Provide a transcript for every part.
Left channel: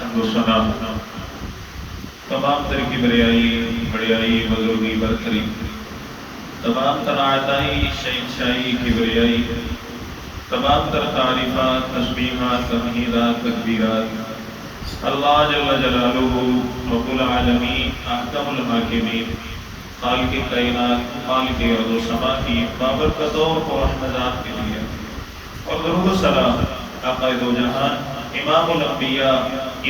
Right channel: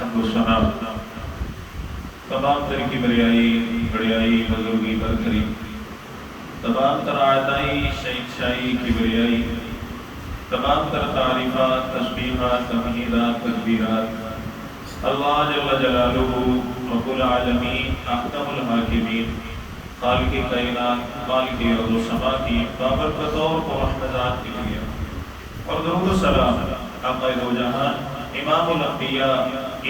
حمد و ثنا تمام تر کبریائی بڑیائی بزرگی برتری تمام تر عطائی شہنشاہی کبریائی تمام تر تعریفات تسبیحات تمہیدات تکبیرات اللہ جل جلالہ رب العالمین احکم الحاکمین خالق کائنات خالق ارض و سما کی بابرکت اور رحمتات کے لیے اور درود و سلام آقا دو جہان امام الانبیاء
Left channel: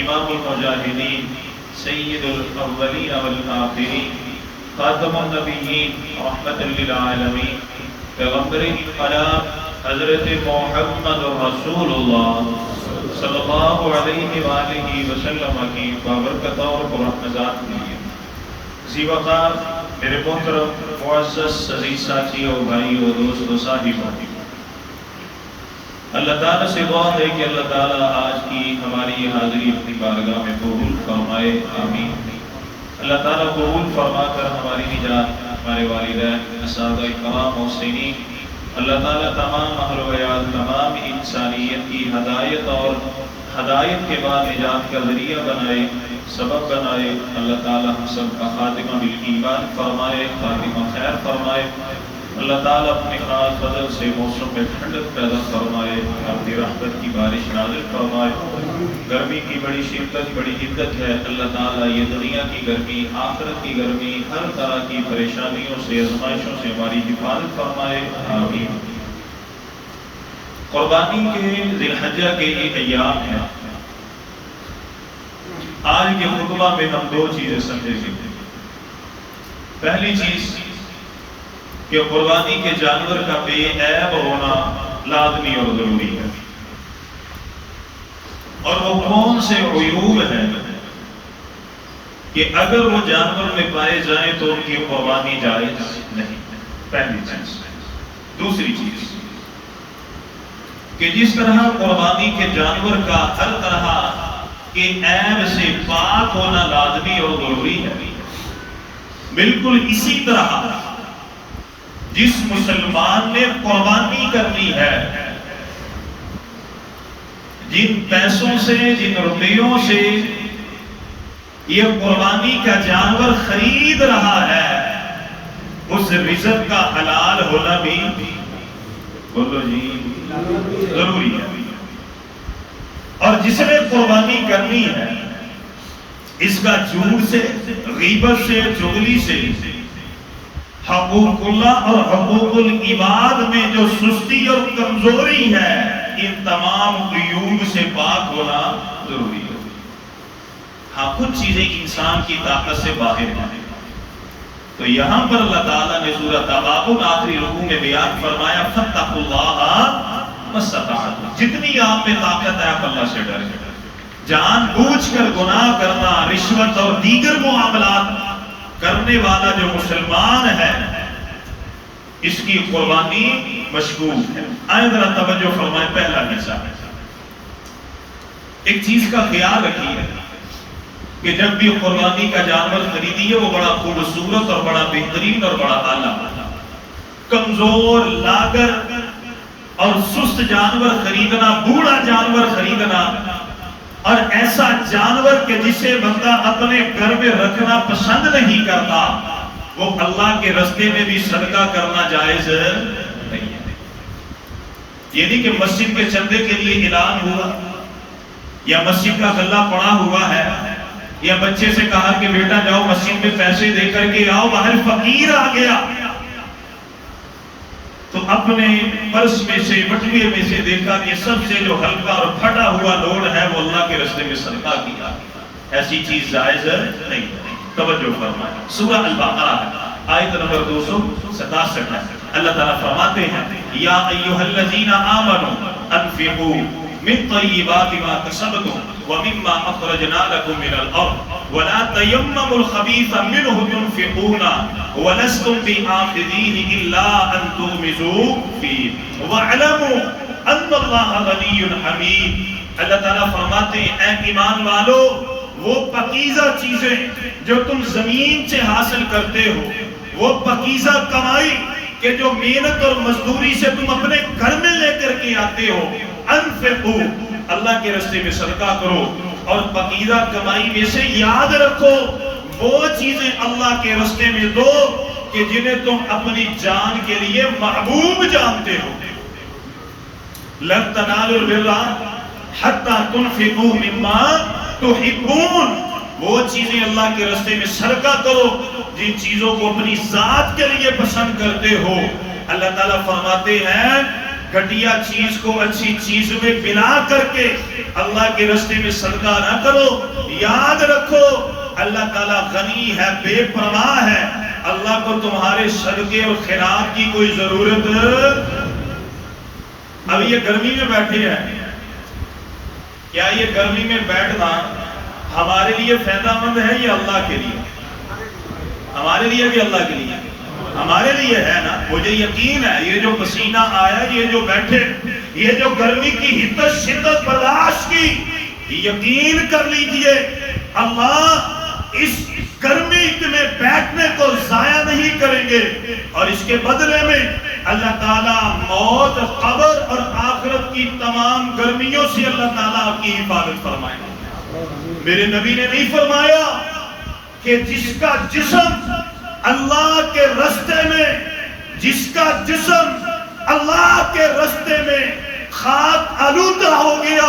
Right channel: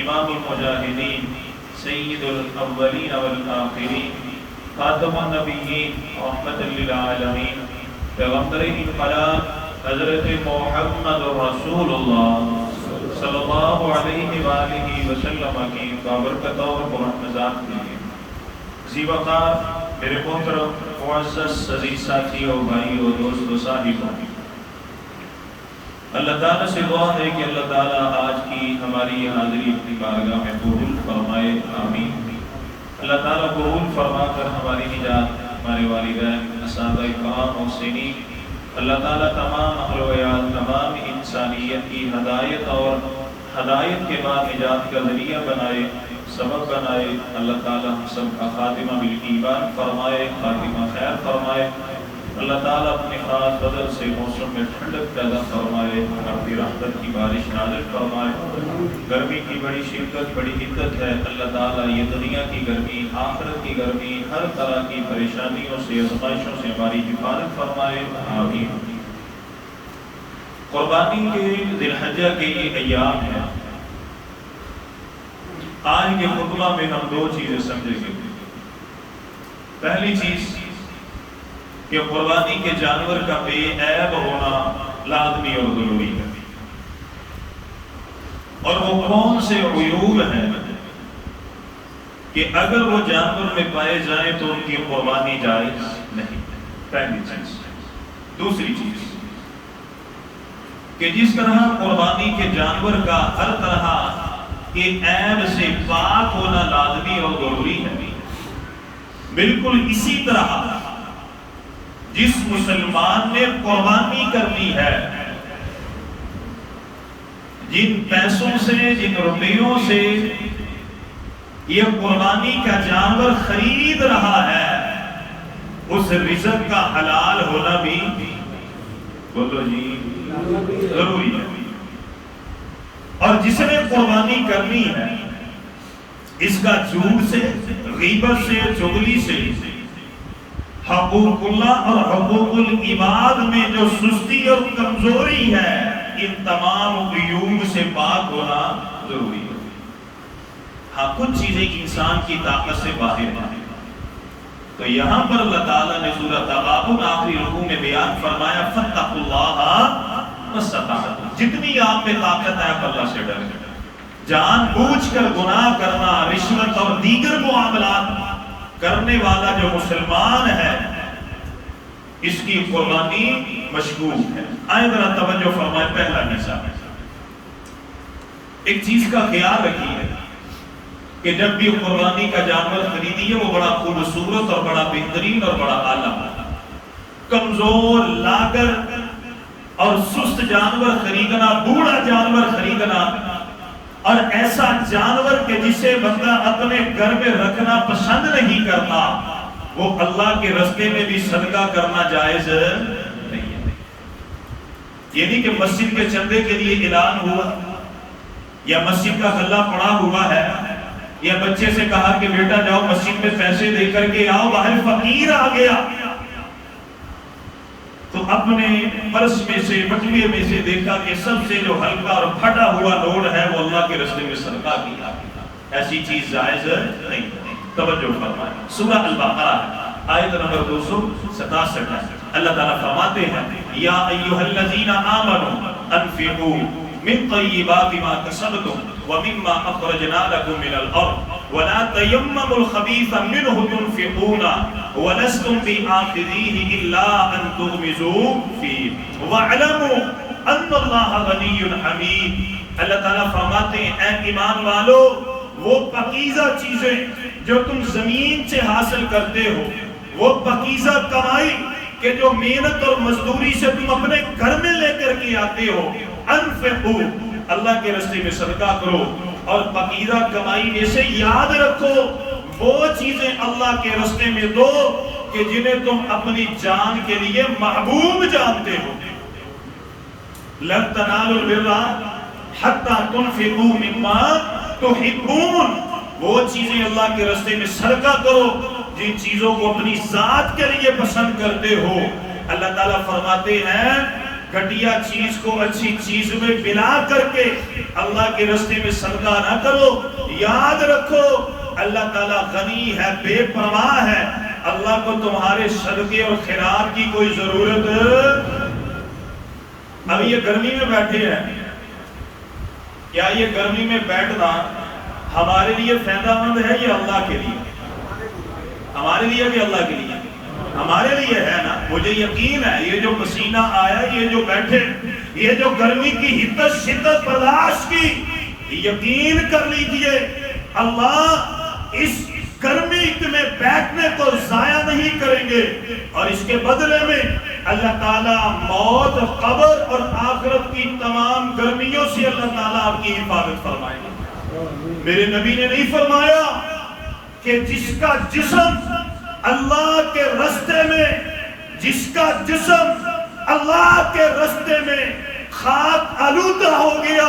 امام المجاہدین سید الاولین والآخرین خاتم النبیین رحمت للعالمین پیغمبر انقلاب حضرت محمد رسول اللہ صلی اللہ علیہ وآلہ وسلم کی بابرکت اور رحمتات کے لیے اسی وقت میرے محترم معزز عزیز ساتھی اور بھائی اور دوست و صاحبوں، اللہ تعالیٰ سے دعا ہے کہ اللہ تعالیٰ آج کی ہماری حاضری اپنی بارگاہ میں قبول فرمائے، آمین۔ اللہ تعالیٰ قبول فرما کر ہماری نجات، ہمارے والدین، اساتذہ کرام اور سنی، اللہ تعالیٰ تمام اہل و عیال، تمام انسانیت کی ہدایت اور ہدایت کے بعد نجات کا ذریعہ بنائے، سبب بنائے۔ اللہ تعالیٰ ہم سب کا خاتمہ بالایمان فرمائے، خاتمہ خیر فرمائے۔ اللہ تعالیٰ اپنے خاص فضل سے موسم میں ٹھنڈک پیدا فرمائے، اپنی رحمت کی بارش نازل فرمائے۔ گرمی کی بڑی شدت بڑی حدت ہے، اللہ تعالیٰ یہ دنیا کی گرمی، آخرت کی گرمی، ہر طرح کی پریشانیوں سے، آزمائشوں سے ہماری حفاظت فرمائے، آمین۔ قربانی کے ذی الحجہ کے یہ ایام ہیں۔ آج کے خطبہ میں ہم دو چیزیں سمجھیں گے۔ پہلی چیز کہ قربانی کے جانور کا بے عیب ہونا لازمی اور ضروری ہے، اور وہ کون سے عیوب ہیں کہ اگر وہ جانور میں پائے جائیں تو ان کی قربانی جائز نہیں، پہلی چیز۔ دوسری چیز کہ جس طرح قربانی کے جانور کا ہر طرح کے عیب سے پاک ہونا لازمی اور ضروری ہے، بالکل اسی طرح جس مسلمان نے قربانی کرنی ہے، جن پیسوں سے، جن روپیوں سے یہ قربانی کا جانور خرید رہا ہے، اس رزق کا حلال ہونا بھی بولو جی ضروری ہے۔ اور جس نے قربانی کرنی ہے، اس کا جھوٹ سے، غیبت سے، چغلی سے، حقوق اللہ اور حقوق العباد میں جو سستی اور کمزوری ہے، ان تمام عیوب سے پاک ہونا ضروری ہے۔ ہاں کچھ چیزیں انسان کی طاقت سے باہر ہیں، تو یہاں پر اللہ تعالیٰ نے سورۃ تغابن آخری رکوع میں بیان فرمایا فاتقوا اللہ ما استطعتم، جتنی آپ میں طاقت ہے آپ اللہ سے ڈریں۔ جان بوجھ کر گناہ کرنا، رشوت اور دیگر معاملات کرنے والا جو مسلمان ہے، اس کی قربانی مشکوک ہے۔ آئے ذرا توجہ فرمائیں، پہلا حصہ ایک چیز کا خیال رکھیے کہ جب بھی قربانی کا جانور خریدیے وہ بڑا خوبصورت اور بڑا بہترین اور بڑا اعلیٰ، کمزور، لاغر اور سست جانور خریدنا، بوڑھا جانور خریدنا، اور ایسا جانور کہ جسے بندہ اپنے گھر میں رکھنا پسند نہیں کرتا، وہ اللہ کے راستے میں بھی صدقہ کرنا جائز نہیں ہے۔ یہ نہیں کہ مسجد کے چندے کے لیے اعلان ہوا، یا مسجد کا غلہ پڑا ہوا ہے، یا بچے سے کہا کہ بیٹا جاؤ مسجد میں پیسے دے کر کے آؤ، باہر فقیر آ گیا تو اپنے پرس میں سے، بٹوے میں سے دیکھا کہ سب سے جو ہلکا اور پھٹا ہوا نوٹ ہے وہ اللہ کے راستے میں صدقہ کیا، ایسی چیز جائز نہیں۔ توجہ فرمائیں، سورہ البقرہ آیت نمبر 267 ہے۔ اللہ تعالیٰ فرماتے ہیں یا ایھا الذین آمنوا انفقوا من طیبات ما کسبتم ومما اخرجنا لكم من الارض ولا تیمموا الخبیث منه تنفقون ولستم بآخذیہ الا ان تغمضوا فیہ واعلموا ان اللہ غنی حمید۔ اللہ تعالیٰ فرماتے ہیں اے ایمان والو، وہ پاکیزہ چیزیں جو تم زمین سے حاصل کرتے ہو، وہ پاکیزہ کمائی کہ جو محنت اور مزدوری سے تم اپنے گھر میں لے کر کے آتے ہو، انفقو، اللہ کے راستے میں صدقہ کرو، اور پکیزہ کمائی میں سے یاد رکھو وہ چیزیں اللہ کے راستے میں دو کہ جنہیں تم اپنی جان کے لیے محبوب جانتے ہو. لن تنالوا البر حتی تنفقوا مما تحبون. وہ چیزیں اللہ کے راستے میں صدقہ کرو جن چیزوں کو اپنی ذات کے لیے پسند کرتے ہو. اللہ تعالیٰ فرماتے ہیں گھٹیا چیز کو اچھی چیز میں بنا کر کے اللہ کے راستے میں صدقہ نہ کرو. یاد رکھو اللہ تعالیٰ غنی ہے، بے پرواہ ہے. اللہ کو تمہارے صدقے اور خیرات کی کوئی ضرورت. اب یہ گرمی میں بیٹھے ہیں، کیا یہ گرمی میں بیٹھنا ہمارے لیے فائدہ مند ہے یا اللہ کے لیے؟ ہمارے لیے بھی اللہ کے لیے ہمارے لیے ہے نا. مجھے یقین ہے یہ جو پسینہ آیا، یہ جو بیٹھے، یہ جو گرمی کی حدت شدت برداشت کی، یقین کر لیجئے اللہ اس گرمی میں بیٹھنے کو ضائع نہیں کریں گے، اور اس کے بدلے میں اللہ تعالیٰ موت، قبر اور آخرت کی تمام گرمیوں سے اللہ تعالیٰ آپ کی حفاظت فرمائیں گے. میرے نبی نے نہیں فرمایا کہ جس کا جسم اللہ کے راستے میں، جس کا جسم اللہ کے راستے میں خاک آلودہ ہو گیا،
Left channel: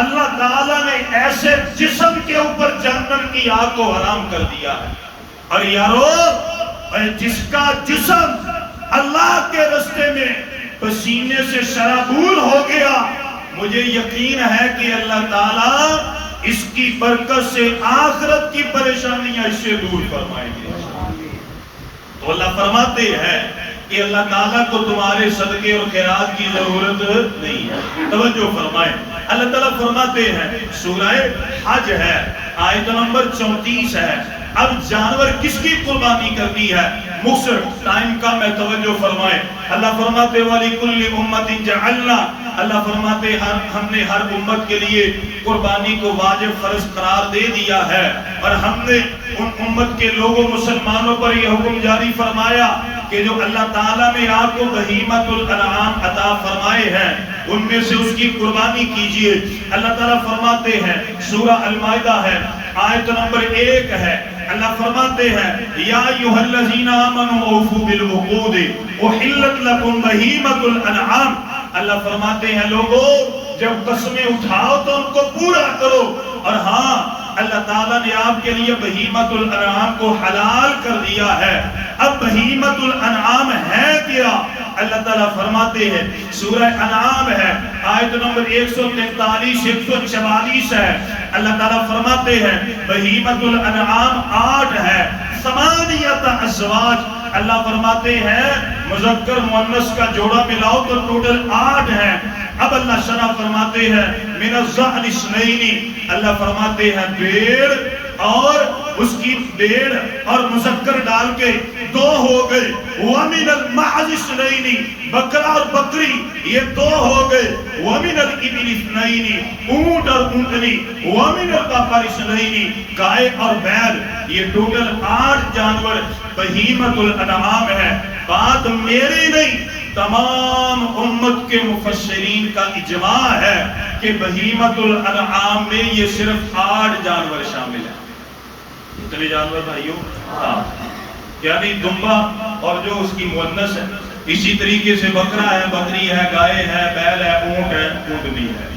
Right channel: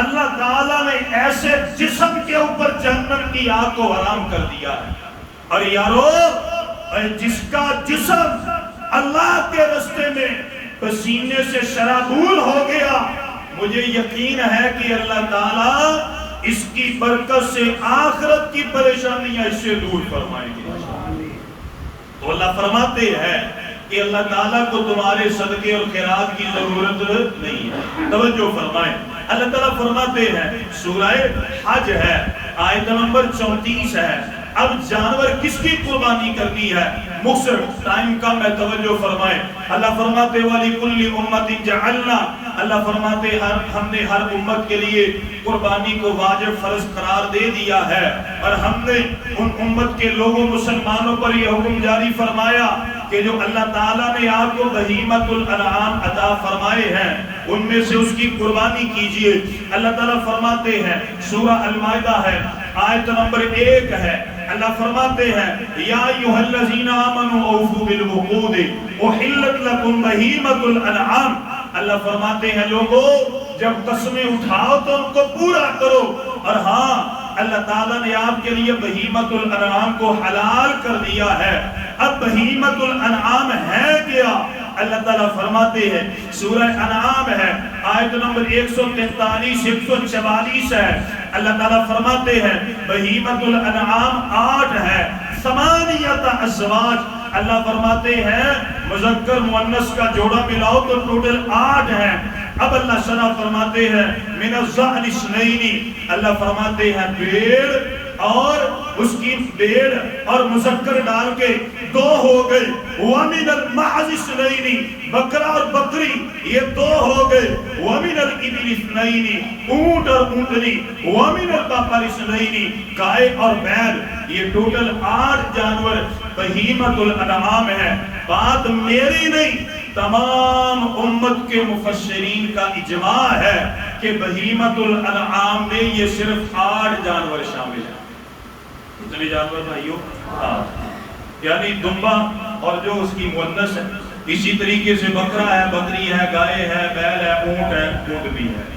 اللہ تعالیٰ نے ایسے جسم کے اوپر جہنم کی آگ کو حرام کر دیا ہے. اور یارو جس کا جسم اللہ کے راستے میں پسینے سے شرابور ہو گیا، مجھے یقین ہے کہ اللہ تعالیٰ اس کی برکت سے آخرت کی پریشانیاں اس سے دور فرمائیں گے. تو اللہ فرماتے ہیں کہ اللہ تعالیٰ کو تمہارے صدقے اور خیرات کی ضرورت نہیں ہے. توجہ فرمائیں. اللہ تعالیٰ فرماتے ہیں، سورہ حج ہے، آیت نمبر 34 ہے. اب جانور کس کی قربانی کرنی ہے؟ مختصر ٹائم کا میں توجہ فرمائیں. اللہ فرماتے وَلِكُلِّ أُمَّةٍ جَعَلْنَا، اللہ فرماتے ہم نے ہر امت کے لیے قربانی کو واجب فرض قرار دے دیا ہے، اور ہم نے ان امت کے لوگوں مسلمانوں پر یہ حکم جاری فرمایا کہ جو اللہ تعالیٰ نے آپ کو بہیمۃ الانعام عطا فرمائے ہیں ان میں سے اس کی قربانی کیجئے. اللہ تعالیٰ فرماتے ہیں، سورہ المائدہ ہے، آیت نمبر 1 ہے. اللہ فرماتے ہیں یا ایھا الذین آمنوا اوفوا بالعقود احلت لکم بہیمۃ الانعام. اللہ فرماتے ہیں لوگوں جب قسمیں اٹھاؤ تو ان کو پورا کرو. اور ہاں اللہ تعالیٰ نے آپ کے لیے بہیمۃ الانعام کو حلال کر دیا ہے. اب بہیمۃ الانعام ہے کیا؟ اللہ تعالیٰ فرماتے ہیں، سورہ انعام ہے، آیت نمبر 143 144 ہے. اللہ تعالیٰ فرماتے ہیں بہیمۃ الانعام 8 ہے، ثمانیۃ ازواج. اللہ فرماتے ہیں مذکر مؤنث کا جوڑا ملاؤ تو ٹوٹل 8 ہے. اب اللہ شرح فرماتے ہیں من الضأن اثنین. اللہ فرماتے ہیں بھیڑ اور اس کی بھیڑ اور مذکر ڈال کے 2 ہو گئے. وَمِنَ الْمَعْزِ اثْنَيْنِ، بکرا اور بکری یہ 2 ہو گئے. وَمِنَ الْإِبِلِ اثْنَيْنِ، اونٹ اور اونٹنی. وَمِنَ الْبَقَرِ اثْنَيْنِ، گائے اور بیل. یہ ٹوٹل 8 جانور بہیمۃ الانعام ہے. بات میری نہیں، تمام امت کے مفسرین کا اجماع ہے کہ بہیمۃ الانعام میں یہ صرف 8 جانور شامل ہیں. اتنے جانور بھائیوں، یعنی دمبا اور جو اس کی مؤنث ہے، اسی طریقے سے بکرا ہے، بکری ہے، گائے ہے، بیل ہے، اونٹ ہے، اونٹنی ہے.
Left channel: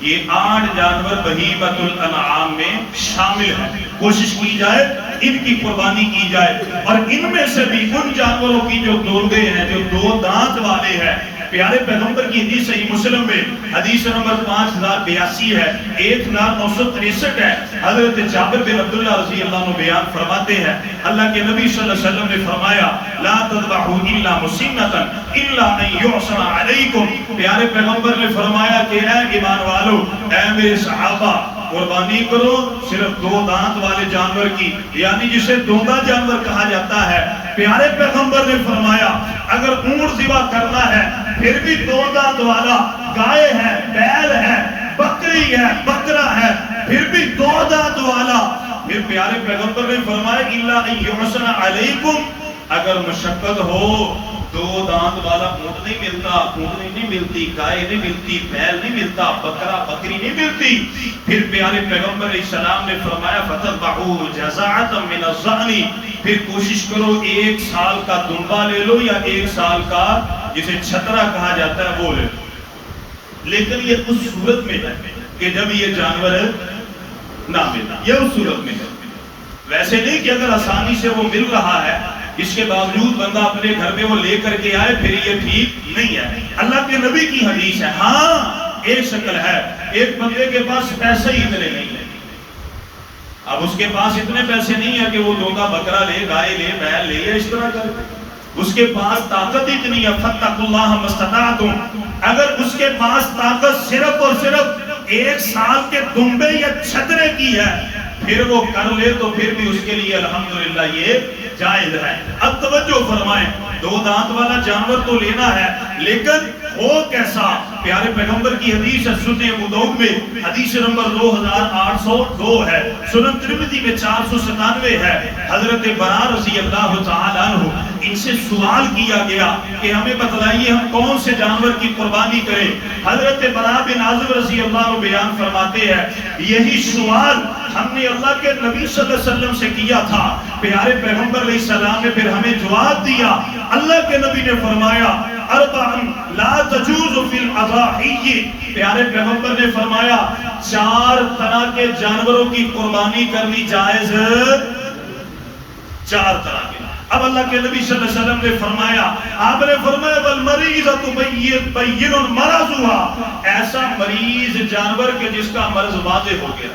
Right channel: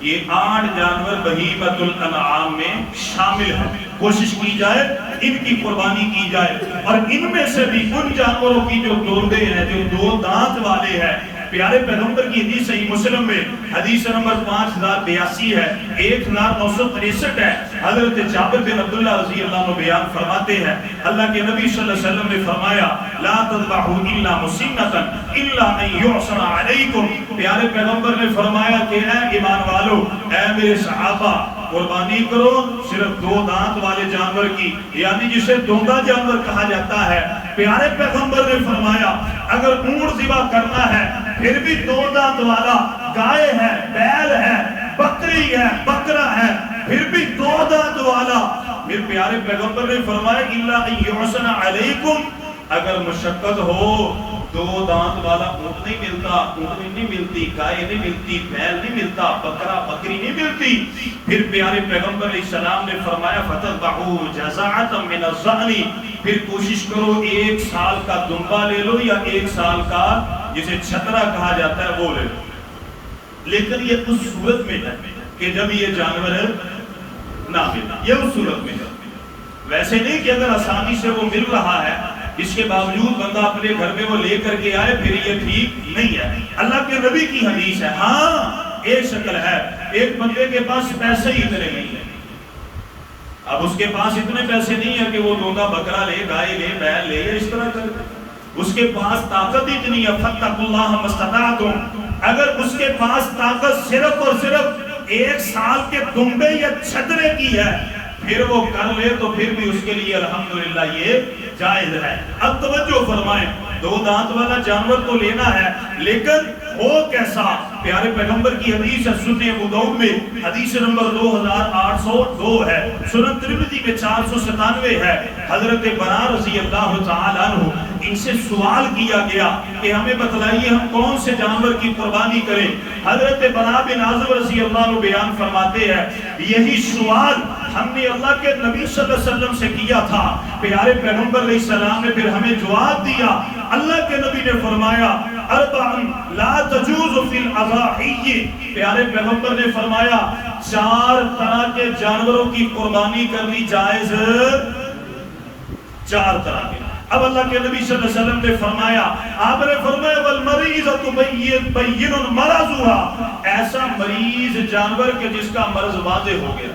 یہ 8 جانور بہیمۃ الانعام میں شامل ہیں. کوشش کی جائے ان کی قربانی کی جائے، اور ان میں سے بھی ان جانوروں کی جو دوندے ہیں، جو 2 دانت والے ہیں. پیارے پیغمبر کی حدیث صحیح مسلم میں حدیث نمبر 5082 ہے، 1963 ہے. حضرت جابر بن عبداللہ رضی اللہ عنہ بیان فرماتے ہیں اللہ کے نبی صلی اللہ علیہ وسلم نے فرمایا لا تذبحوا الا مسنۃ الا ان يعصر علیکم. پیارے پیغمبر نے فرمایا کہ اے ایمان والو، اے میرے صحابہ، قربانی کرو صرف 2 دانت والے جانور کی، یعنی جسے دوندا جانور کہا جاتا ہے. پیارے پیغمبر نے فرمایا اگر اونٹ ذبح کرنا ہے پھر بھی 2 دانت والا، گائے ہے، بیل ہے، بکری ہے، بکرا ہے، پھر بھی 2 دانت والا. پھر پیارے پیغمبر نے فرمایا الا ان يعصر علیکم، اگر مشقت ہو دو دانت والا اونٹ نہیں ملتا، اونٹنی نہیں ملتی، گائے نہیں ملتی، بیل نہیں ملتا، بکرا بکری نہیں ملتی۔ پھر پیارے پیغمبر علیہ السلام نے فرمایا فَتَذْبَحُوا جَزَعَةً مِنَ الظَّأْنِ، پھر کوشش کرو 1 سال کا دمبا لے لو یا 1 سال کا جسے چھترا کہا جاتا ہے وہ لے لو، لیکن یہ اس صورت میں ہے کہ جب یہ جانور نہ ملتا، یہ اس صورت میں ہے، ویسے نہیں کہ اگر آسانی سے وہ مل رہا ہے اس کے باوجود بندہ اپنے گھر میں وہ لے کر کے آئے، پھر یہ ٹھیک نہیں ہے۔ اللہ کے نبی کی حدیث ہے۔ ہاں ایک شکل ہے، ایک بندے کے پاس پیسے ہی اتنے نہیں ہیں، اب اس کے پاس اتنے پیسے نہیں ہیں کہ وہ دوندا بکرا لے، گائے لے، بیل لے یا اس طرح کر، اس کے پاس طاقت اتنی ہے فَاتَّقُوا اللَّهَ مَا اسْتَطَعْتُمْ، اگر اس کے پاس طاقت صرف اور صرف 1 سال کے دمبے یا چھترے کی ہے پھر وہ کر لے تو پھر بھی اس کے لیے الحمدللہ یہ جائز ہے۔ اب توجہ فرمائیں، 2 دانت والا جانور تو لینا ہے لیکن ہو کیسا؟ پیارے پیغمبر کی حدیث ہے سنن ابو داؤد میں حدیث نمبر 2802 ہے، سنن ترمذی میں 497 ہے۔ حضرت برا رضی اللہ تعالی عنہ ان سے سوال کیا گیا کہ ہمیں بتلائیے ہم کون سے جانور کی قربانی کریں۔ حضرت برا بن عازب رضی اللہ عنہ بیان فرماتے ہیں یہی سوال ہم نے اللہ کے نبی صلی اللہ علیہ وسلم سے کیا تھا، پیارے پیغمبر علیہ السلام نے پھر ہمیں جواب دیا، اللہ کے نبی نے فرمایا اربعن لا تجوز فی الاضاحی، پیارے پیغمبر نے فرمایا 4 طرح کے جانوروں کی قربانی کرنی جائز، 4 طرح کے۔ اب اللہ کے نبی صلی اللہ علیہ وسلم نے فرمایا، آپ نے فرمایا والمریضۃ بین مرضها، ایسا مریض جانور کے جس کا مرض واضح ہو گیا۔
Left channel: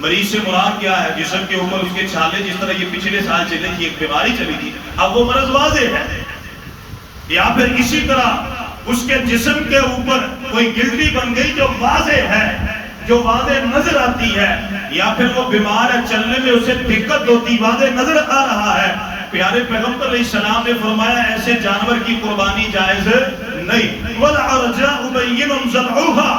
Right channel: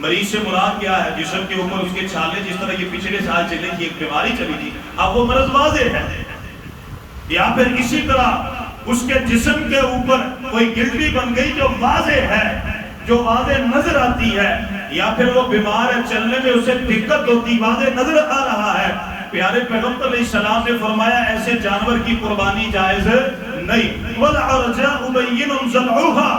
مریض سے مراد کیا ہے؟ جسم کے اوپر اس کے چھالے جس طرح یہ پچھلے سال چلے تھی، ایک بیماری چلی تھی، اب وہ مرض واضح ہے، یا پھر اسی طرح اس کے جسم کے اوپر کوئی گلٹی بن گئی جو واضح ہے، جو واضح نظر آتی ہے، یا پھر وہ بیمار ہے چلنے میں اسے دقت ہوتی واضح نظر آ رہا ہے، پیارے پیغمبر علیہ السلام نے فرمایا ایسے جانور کی قربانی جائز نہیں۔ وَالْعَرْجَاءُ بَيِّنٌ ضَلْعُهَا،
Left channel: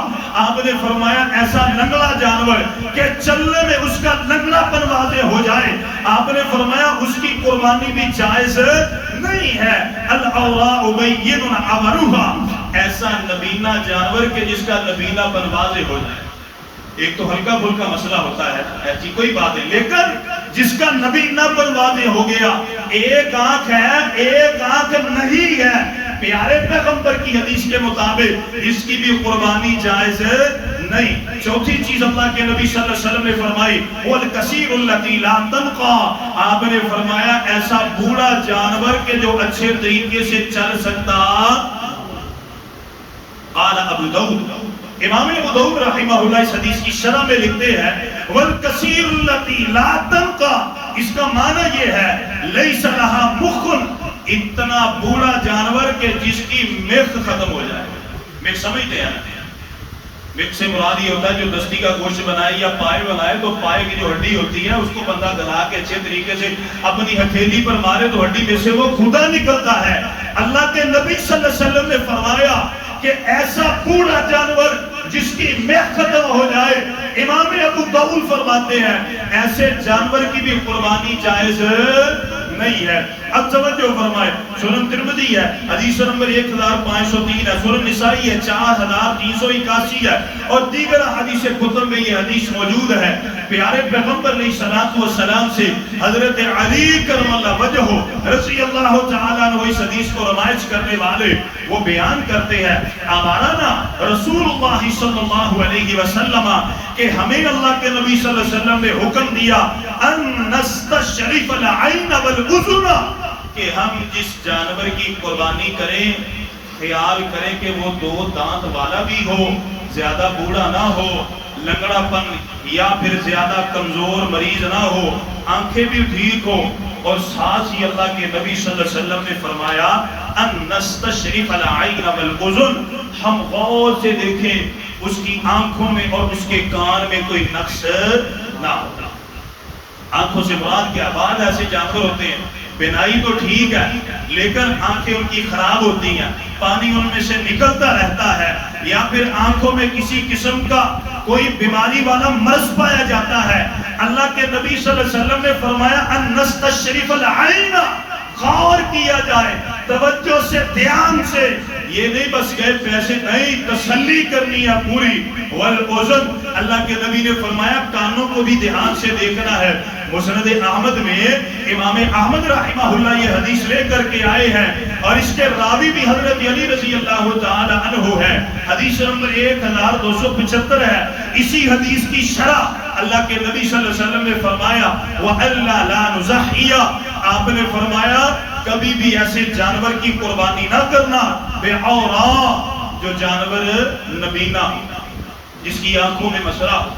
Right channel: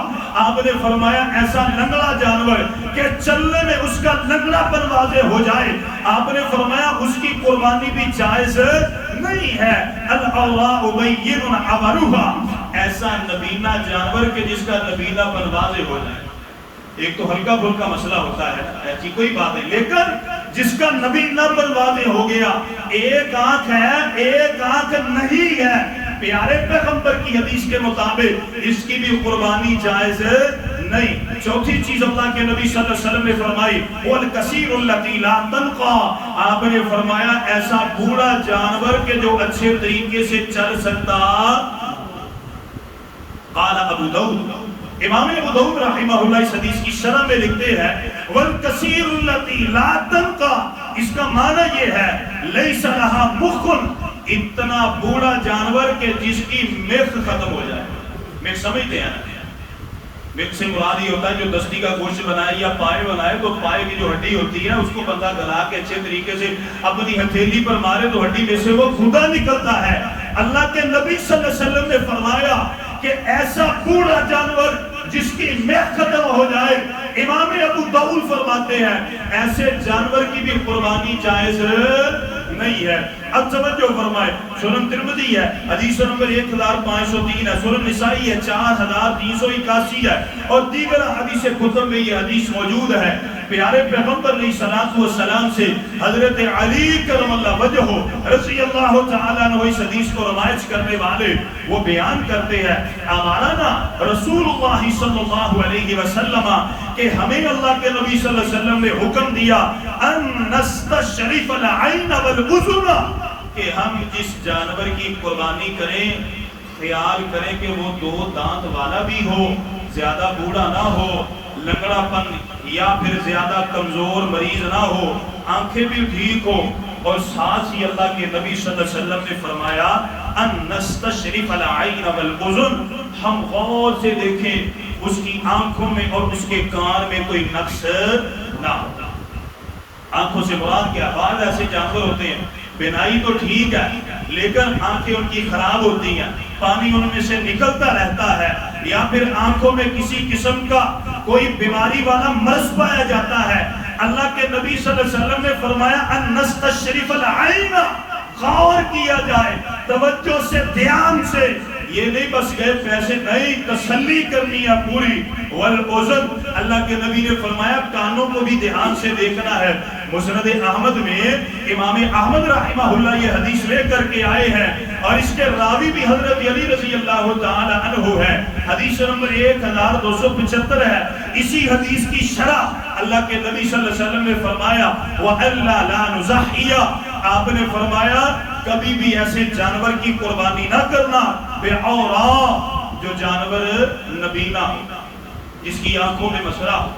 آپ نے فرمایا ایسا لنگڑا جانور کہ چلنے میں اس کا لنگڑا پن واضح ہو جائے، آپ نے فرمایا اس کی قربانی بھی جائز نہیں ہے۔ الْعَوْرَاءُ بَيِّنٌ عَوَرُهَا، ایسا نبینہ جانور کہ جس کا نبینہ پن واضح ہو جائے۔ ایک تو ہلکا پھلکا مسئلہ ہوتا ہے ایسی کوئی بات ہے، لیکن جس کا نبینہ پن واضح ہو گیا، ایک آنکھ ہے ایک آنکھ نہیں ہے، پیارے پیغمبر کی حدیث کے مطابق اس کی بھی قربانی جائز نہیں۔ چوتھی چیز اللہ کے نبی صلی اللہ علیہ وسلم نے فرمائی وَالْكَثِيرُ الَّتِي لَا تَنْقَى، آپ نے فرمایا ایسا بوڑھا جانور کہ جو اچھے طریقے سے چل سکتا۔ قال ابو داؤد، امام ابو داؤد رحمہ اللہ اس حدیث کی شرح میں لکھتے ہیں وَالْكَثِيرُ الَّتِي لَا تَنْقَى، اس کا معنی یہ ہے لَيْسَ لَهَا مُخٌ، اتنا بوڑھا جانور کہ جس کی میخ ختم ہو جائے۔ میخ سمجھتے ہیں؟ میخ سے مراد یہ ہوتا ہے جو دستی کا گوشت بنائے یا پائے بنائے تو پائے کی جو ہڈی ہوتی ہے اس کو بندہ گلا کے اچھے طریقے سے اپنی ہتھیلی پر مارے تو ہڈی میں سے وہ گھوٹا نکلتا ہے۔ اللہ کے نبی صلی اللہ علیہ وسلم نے فرمایا کہ ایسا بوڑھا جانور جس کی میخ ختم ہو جائے، امام ابو داؤد فرماتے ہیں ایسے جانور کی بھی قربانی جائز نہیں ہے۔ اب توجہ فرمائے، سنن ترمذی ہے حدیث نمبر 1503 ہے، سنن نسائی ہے 4381 ہے، اور دیگر حدیث کتب میں یہ حدیث موجود ہے۔ پیارے پیغمبر علیہ السلام سے حضرت علی کرم اللہ وجہہ رضی اللہ تعالیٰ عنہ اس حدیث کو روایت کرنے والے وہ بیان کرتے ہیں امرنا رسول اللہ صلی اللہ علیہ وسلم کہ ہمیں اللہ کے نبی صلی اللہ علیہ وسلم نے حکم دیا ان نستشرف العین والاذن، کہ ہم جس جانور کی قربانی کریں خیال کریں کہ وہ 2 دانت والا بھی ہو، زیادہ بوڑھا نہ ہو، لنگڑا پن یا پھر زیادہ کمزور مریض نہ ہو، آنکھیں بھی ٹھیک ہو، اور ساتھ ہی اللہ کے نبی صلی اللہ علیہ وسلم نے فرمایا ان نستشرف العین والاذن، ہم غور سے دیکھیں اس کی آنکھوں میں اور اس کے کان میں کوئی نقص نہ ہو۔ آنکھوں سے مراد کیا؟ بعض ایسے جانور ہوتے ہیں بینائی تو ٹھیک ہے لیکن آنکھیں ان کی خراب ہوتی ہیں، پانی ان میں سے نکلتا رہتا ہے، یا پھر آنکھوں میں کسی قسم کا کوئی بیماری والا مرض پایا جاتا ہے۔ اللہ کے نبی صلی اللہ علیہ وسلم نے فرمایا ان نستشرف العین، غور کیا جائے توجہ سے دھیان سے، یہ نہیں بس گئے پیسے نہیں، تسلی کرنی ہے پوری۔ والأذن، اللہ کے نبی نے فرمایا کانوں کو بھی دھیان سے دیکھنا ہے۔ مسند احمد میں امام احمد رحمہ اللہ یہ حدیث لے کر کے آئے ہیں اور اس کے راوی بھی حضرت علی رضی اللہ تعالی عنہ ہے۔ حدیث نمبر 1275 ہے۔ اسی حدیث کی شرح اللہ کے نبی صلی اللہ علیہ وسلم نے فرمایا وَأَلَّا لَا نُزَحِّيَ، آپ نے فرمایا کبھی بھی ایسے جانور کی قربانی نہ کرنا بِعَوْرَا، جو جانور نبینا ہو، جس کی آنکھوں میں مسئلہ ہو،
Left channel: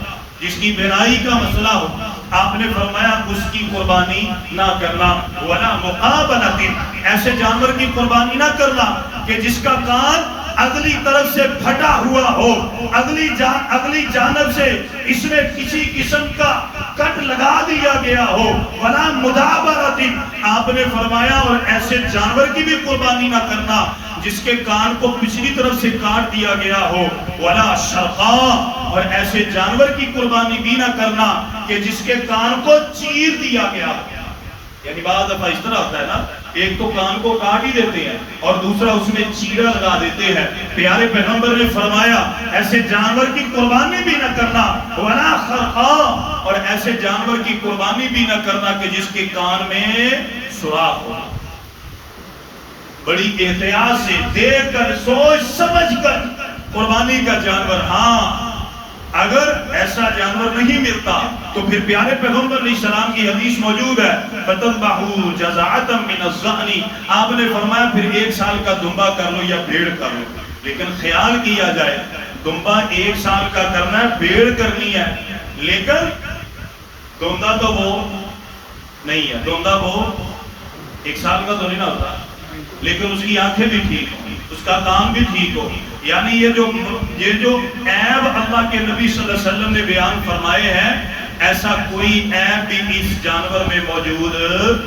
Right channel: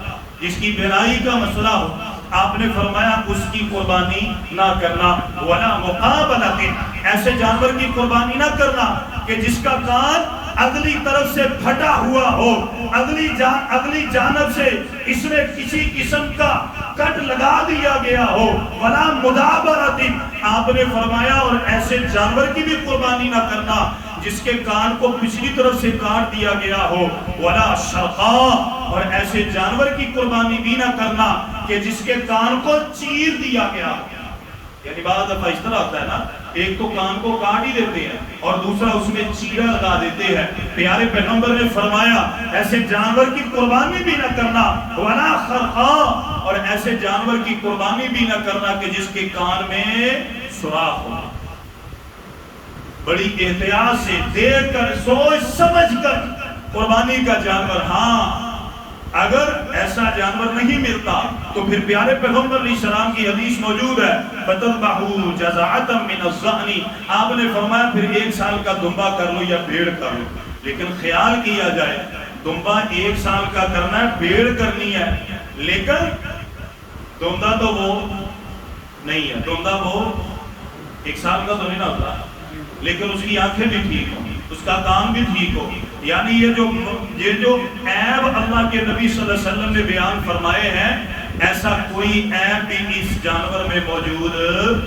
جس کی بینائی کا مسئلہ ہو، آپ نے فرمایا اس کی قربانی نہ کرنا۔ وَلَا مُقَابَلَةٍ، ایسے جانور کی قربانی نہ کرنا کہ جس کا کان اگلی طرف سے پھٹا ہوا ہو، اگلی جانب سے اس میں کسی قسم کا کٹ لگا دیا گیا ہو۔ وَلَا مُدَابَرَةٍ، آپ نے فرمایا اور ایسے جانور کی بھی قربانی نہ کرنا جس کے کان کو پچھلی طرف سے کاٹ دیا گیا ہو۔ وَلَا شَرْقَا، اور ایسے جانور کی قربانی بھی نہ کرنا کہ جس کے کان کو چیر دیا گیا ہو۔ یعنی بعض دفعہ اس طرح ہوتا ہے نا، ایک تو کان کو کاٹ ہی دیتے ہیں اور دوسرا اس میں چیرا لگا دیتے ہیں۔ پیارے پیغمبر نے فرمایا ایسے جانور کی قربانی بھی نہ کرنا۔ وَلَا خَرْقَا، اور ایسے جانور کی قربانی بھی نہ کرنا کہ جس کے کان میں سوراخ ہو۔ بڑی احتیاط سے دیکھ کر سوچ سمجھ کر قربانی کا جانور، ہاں اگر ایسا جانور نہیں ملتا تو پھر پیارے پیغمبر علیہ السلام کی حدیث موجود ہے فَتَذْبَحُوا جَزَعَةً مِّنَ الظَّأْنِ، آپ نے فرمایا پھر 1 سال کا دمبا کر لو یا بھیڑ کر لو، لیکن خیال کیا جائے دمبا 1 سال کا کرنا ہے، بھیڑ کرنی ہے، لیکن دوندا تو وہ نہیں ہے، دوندا وہ 1 سال کا تو نہیں نہ ہوتا، لیکن اس کی آنکھیں بھی ٹھیک ہوں، اس کا کام بھی ٹھیک ہو۔ یعنی یہ جو عیب اللہ کے نبی صلی اللہ علیہ وسلم نے بیان فرمائے ہیں، ایسا کوئی عیب بھی اس جانور میں موجود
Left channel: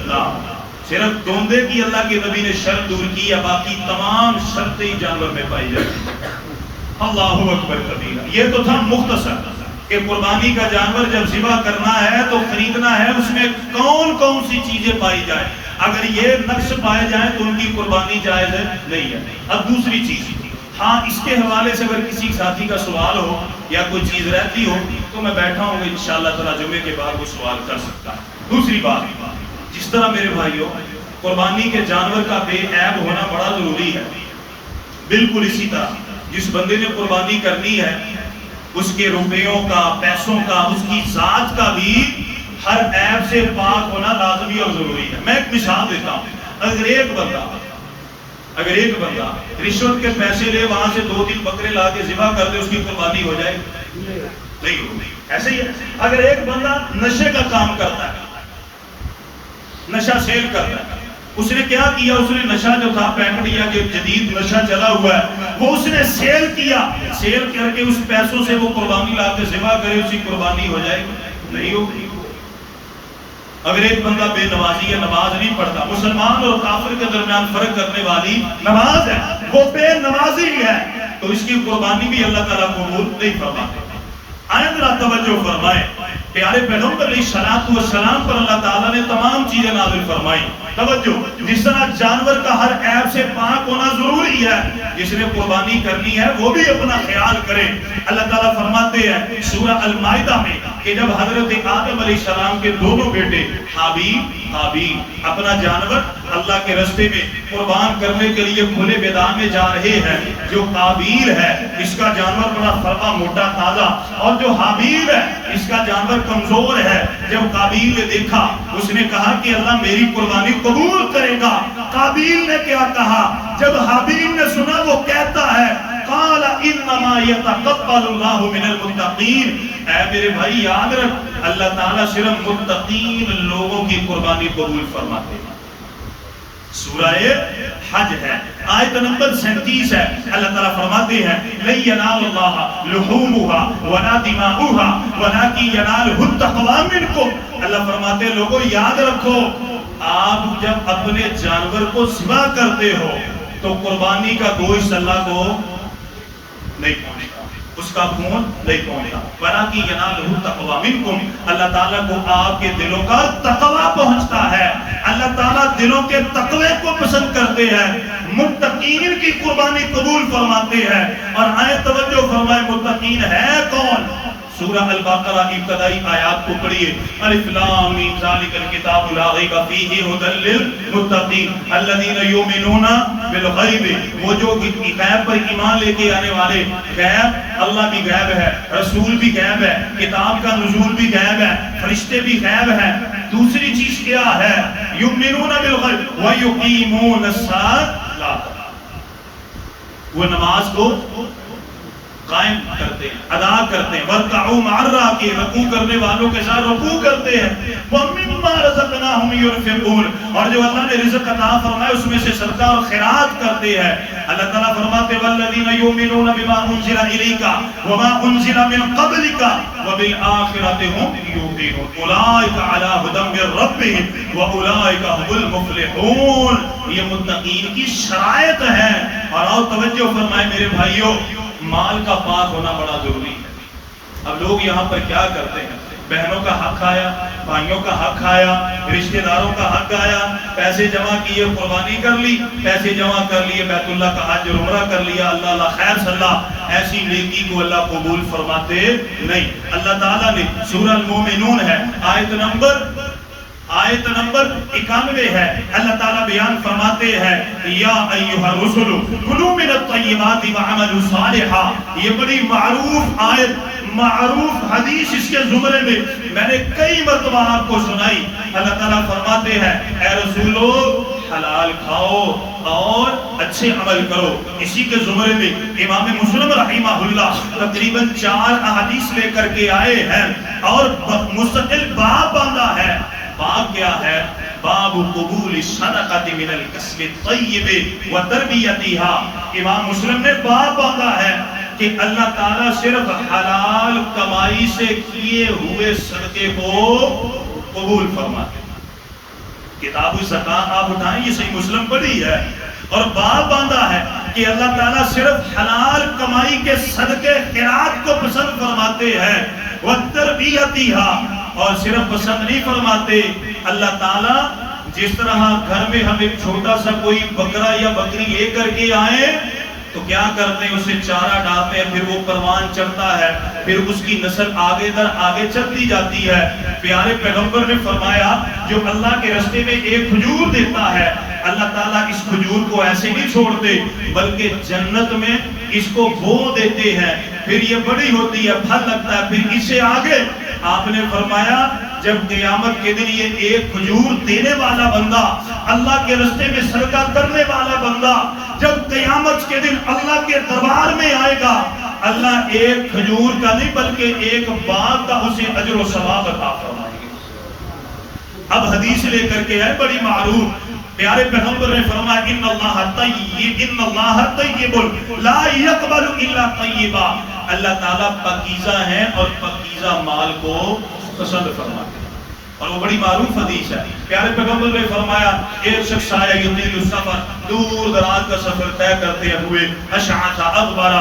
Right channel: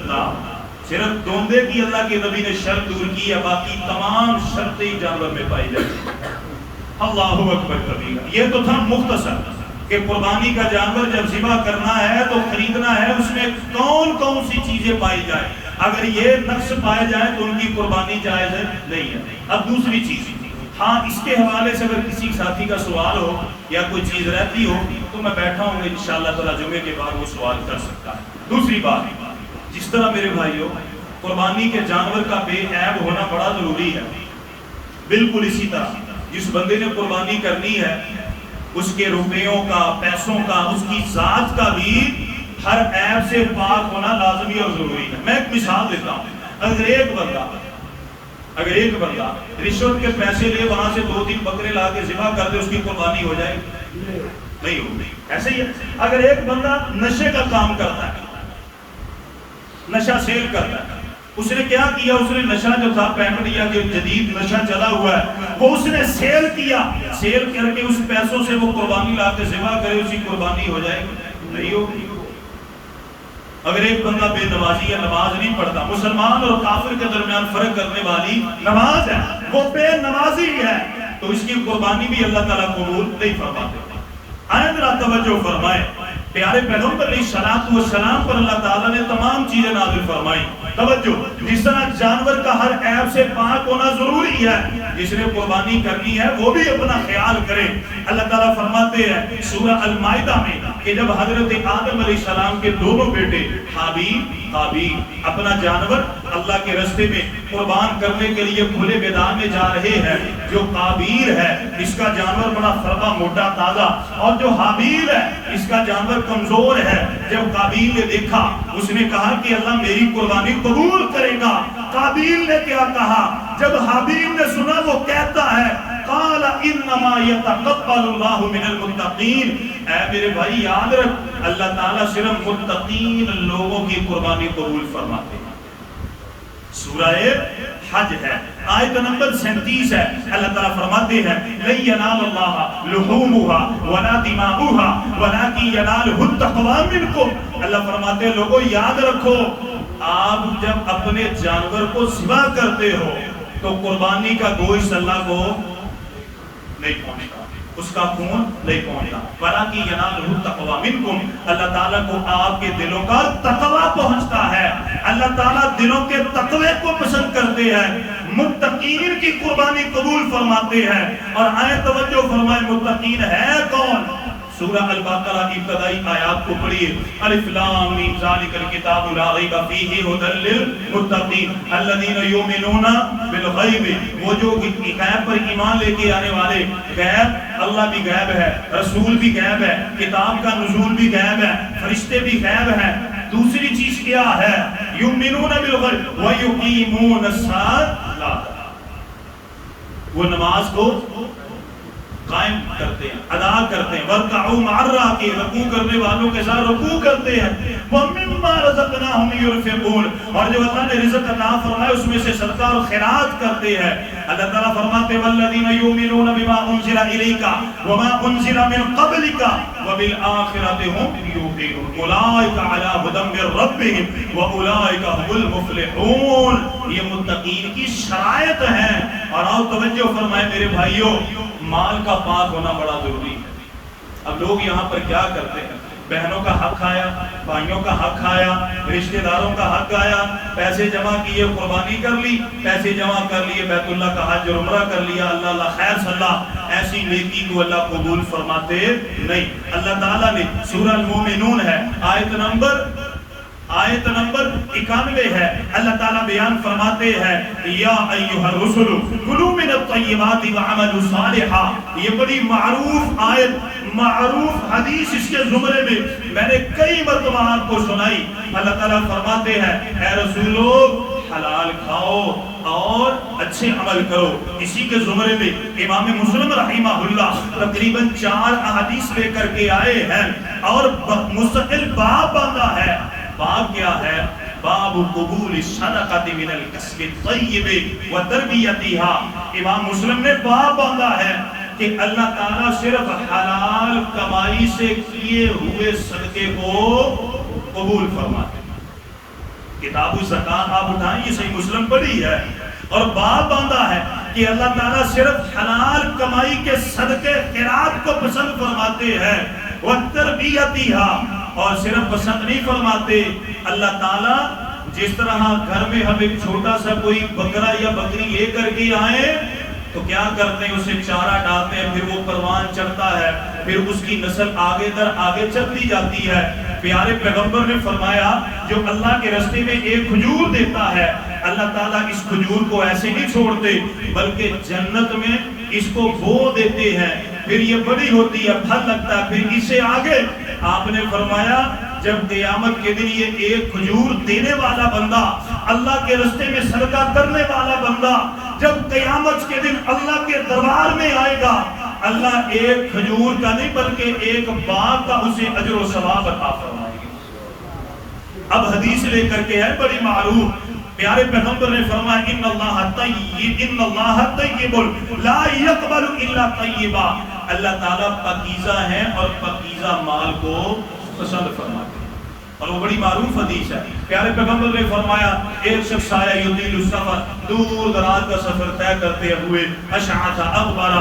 نہ ہو۔ صرف دوندے کی اللہ کے نبی نے شرط دور کی ہے، باقی تمام شرطیں جانور میں پائی جاتی ہیں۔ اللہ اکبر کبیرہ۔ یہ تو تھا مختصر کہ قربانی کا جانور جب ذبح کرنا ہے تو خریدنا ہے، اس میں کون کون سی چیزیں پائی جائیں، اگر یہ نقص پائے جائیں تو ان کی قربانی جائز نہیں ہے۔ اب دوسری چیز، ہاں اس کے حوالے سے اگر کسی ساتھی کا سوال ہو یا کوئی چیز رہتی ہو تو میں بیٹھا ہوں گا انشاءاللہ تعالی جمعے کے بعد وہ سوال کر سکتا ہے۔ دوسری بات، جس طرح میرے بھائیوں قربانی کے جانور کا بے عیب ہونا بڑا ضروری ہے، بالکل اسی طرح جس بندے نے قربانی کرنی ہے اس کے روپیوں کا، پیسوں کا، اس کی ذات کا بھی ہر عیب سے پاک ہونا لازمی اور ضروری ہے۔ میں ایک مثال دیتا ہوں، اگر ایک بندہ رشوت کے پیسے لے وہاں سے 2-3 بکرے لا کے ذبح کر دے، اس کی قربانی ہو جائے نہیں ہوگی۔ ایسے ہی اگر ایک بندہ نشے کا کام کرتا ہے، نشہ سیل کرتا ہے، اس نے کیا کیا، اس نے نشہ جو تھا پیکٹ یا جو جدید نشہ چلا ہوا ہے وہ اس نے سیل کیا، سیل کر کے اس پیسوں سے وہ قربانی لا کے ذبح کرے، اس کی قربانی ہو جائے نہیں ہوگی۔ اگر ایک بندہ بے نمازی ہے، نماز نہیں پڑھتا، مسلمان اور کافر کے درمیان فرق کرنے والی نماز ہے، وہ بے نمازی ہے، تو اس کی قربانی بھی اللہ تعالیٰ قبول نہیں فرماتے۔ آئیں ذرا توجہ فرمائیں، پیارے پیغمبر علیہ السلام پر اللہ تعالیٰ نے تمام چیزیں نازل فرمائی۔ توجہ، جس طرح جانور کا ہر عیب سے پاک ہونا ضروری ہے، جس نے قربانی کرنی ہے وہ بھی اپنا خیال کرے۔ اللہ تعالیٰ فرماتے ہیں سورہ المائدہ میں کہ جب حضرت آدم علیہ السلام کے دونوں بیٹے حابیل قابیل اپنا جانور اللہ کے راستے میں قربان کرنے کے لیے کھلے میدان میں جا رہے ہیں، جو قابیل ہے اس کا جانور بڑا فرما موٹا تازہ، اور جو حابیل ہے اس کا جانور کمزور ہے، جب قابیل نے دیکھا اس نے کہا کہ اللہ میری قربانی قبول کرے گا۔ قابیل نے کیا کہا؟ جب حابیل نے سنا وہ کہتا ہے قال انما يتقبل الله من المتقین، اے میرے بھائی یاد رکھ اللہ تعالیٰ صرف متقین لوگوں کی قربانی قبول فرماتے ہیں۔ سورہ حج ہے، آیت نمبر 37 ہے، اللہ تعالیٰ فرماتے ہیں لن ينال الله لحومها ولا دماؤها ولكن يناله التقوى منكم۔ اللہ فرماتے ہیں لوگوں یاد رکھو، آپ جب اپنے جانور کو ذبح کرتے ہو تو قربانی کا گوشت اللہ کو نہیں پہنچتا، اس کا خون نہیں پہنچتا. وَلَٰكِن يَنَالُهُ التَّقْوَىٰ مِنكُمْ، اللہ تعالیٰ کو آپ کے دلوں کا تقویٰ پہنچتا ہے. اللہ تعالیٰ دلوں کے تقوی کو پسند کرتے ہیں، متقین کی قربانی قبول فرماتے ہیں. اور آئے توجہ فرمائے متقین ہے کون؟ سورہ البقرہ ابتدائی آیات کو پڑھیے. الف لام میم ذالک الکتاب لا ریب فیہ ھدی للمتقین الذین یؤمنون بالغیب، وہ جو غیب پر ایمان لے کے آنے والے. غیب اللہ بھی غیب ہے، رسول بھی غیب ہے، کتاب کا نزول بھی غیب ہے، فرشتے بھی غیب ہیں. دوسری چیز کیا ہے؟ یؤمنون بالغیب ویقیمون الصلاۃ، وہ نماز کو قائم کرتے ہیں، ادا کرتے ہیں. وَارْكَعُوا مَعَ الرَّاكِعِينَ، رکوع کرنے والوں کے ساتھ رکوع کرتے ہیں. وَمِمَّا رَزَقْنَاهُمْ يُنْفِقُونَ، اور جو اللہ نے رزق عطا فرمایا اس میں سے صدقہ اور خیرات کرتے ہیں. اللہ تعالیٰ فرماتے ہیں وَالَّذِينَ يُؤْمِنُونَ بِمَا أُنزِلَ إِلَيْكَ وَمَا أُنزِلَ مِن قَبْلِكَ وَبِالْآخِرَةِ هُمْ يُوقِنُونَ أُولَٰئِكَ عَلَىٰ هُدًى مِّن رَّبِّهِمْ وَأُولَٰئِكَ هُمُ الْمُفْلِحُونَ. یہ متقین کی شرائط ہیں. اور توجہ فرمائے میرے بھائیوں، مال کا پاک ہونا بڑا ضروری ہے. اب لوگ یہاں پر کیا کرتے ہیں؟ بہنوں کا حق کھایا، بھائیوں کا حق کھایا، رشتہ داروں کا حق کھایا، پیسے جمع کیے، قربانی کر لی، پیسے جمع کر لیے، بیت اللہ کا حج اور عمرہ کر لیا. اللہ اللہ خیر صلی اللہ، ایسی نیکی کو اللہ قبول فرماتے نہیں. اللہ تعالیٰ نے سورہ المومنون ہے آیت نمبر 91 ہے. اللہ تعالیٰ بیان فرماتے ہیں یا ایھا الرسل کلوا من الطیبات وعملوا صالحا. یہ بڑی معروف آیت، معروف حدیث اس کے زمرے میں نے کئی مرتبہ آپ کو سنائی. اللہ تعالیٰ فرماتے ہیں اے رسولو حلال کھاؤ اور اچھے عمل کرو. اسی کے زمرے میں امام مسلم رحمہ اللہ تقریباً 4 احادیث لے کر کے آئے ہیں اور مستقل باب باندھا ہے. باب کیا ہے؟ باب قبول الصدقۃ من الکسب الطیب وتربیتها. امام مسلم نے باب باندھا ہے کہ اللہ تعالیٰ صرف حلال کمائی سے کیے ہوئے صدقے کو قبول فرماتے ہیں. کتاب الزکات آپ اٹھائیں، یہ صحیح مسلم پڑھی ہے. اور باب باندھا ہے کہ اللہ تعالیٰ صرف حلال کمائی کے صدقے خیرات کو پسند فرماتے ہیں. وتربیتها، اور صرف پسند نہیں فرماتے. اللہ تعالیٰ جس طرح گھر میں ہم ایک چھوٹا سا کوئی بکرا یا بکری لے کر کے آئے تو کیا کرتے ہیں؟ اسے چارہ ڈالتے ہیں، پھر وہ پروان چڑھتا ہے، پھر اس کی نسل آگے در آگے چلتی جاتی ہے. پیارے پیغمبر نے فرمایا جو اللہ کے راستے میں ایک کھجور دیتا ہے، اللہ تعالیٰ اس کھجور کو ایسے نہیں چھوڑتے بلکہ جنت میں اس کو بو دیتے ہیں. پھر یہ بڑی ہوتی ہے، پھل لگتا ہے، پھر اسے آگے. آپ نے فرمایا جب قیامت کے دن یہ ایک کھجور دینے والا بندہ، اللہ کے راستے میں صدقہ کرنے والا بندہ جب قیامت کے دن اللہ کے دربار میں آئے گا، اللہ ایک کھجور کا نہیں بلکہ ایک باغ کا اسے اجر و ثواب عطا فرمائے گا. اب حدیث لے کر کے ہے بڑی معروف. پیارے پیغمبر نے فرمایا ان اللہ طیب لا یقبل الا طیبا. اللہ تعالیٰ پاکیزہ ہیں اور پاکیزہ مال کو پسند فرماتے ہیں. اور وہ بڑی معروف حدیث ہے. پیارے پیغمبر نے فرمایا ایک شخص آیا یطیل السفر، دور دراز کا سفر طے کرتے ہوئے، اشعث اغبر،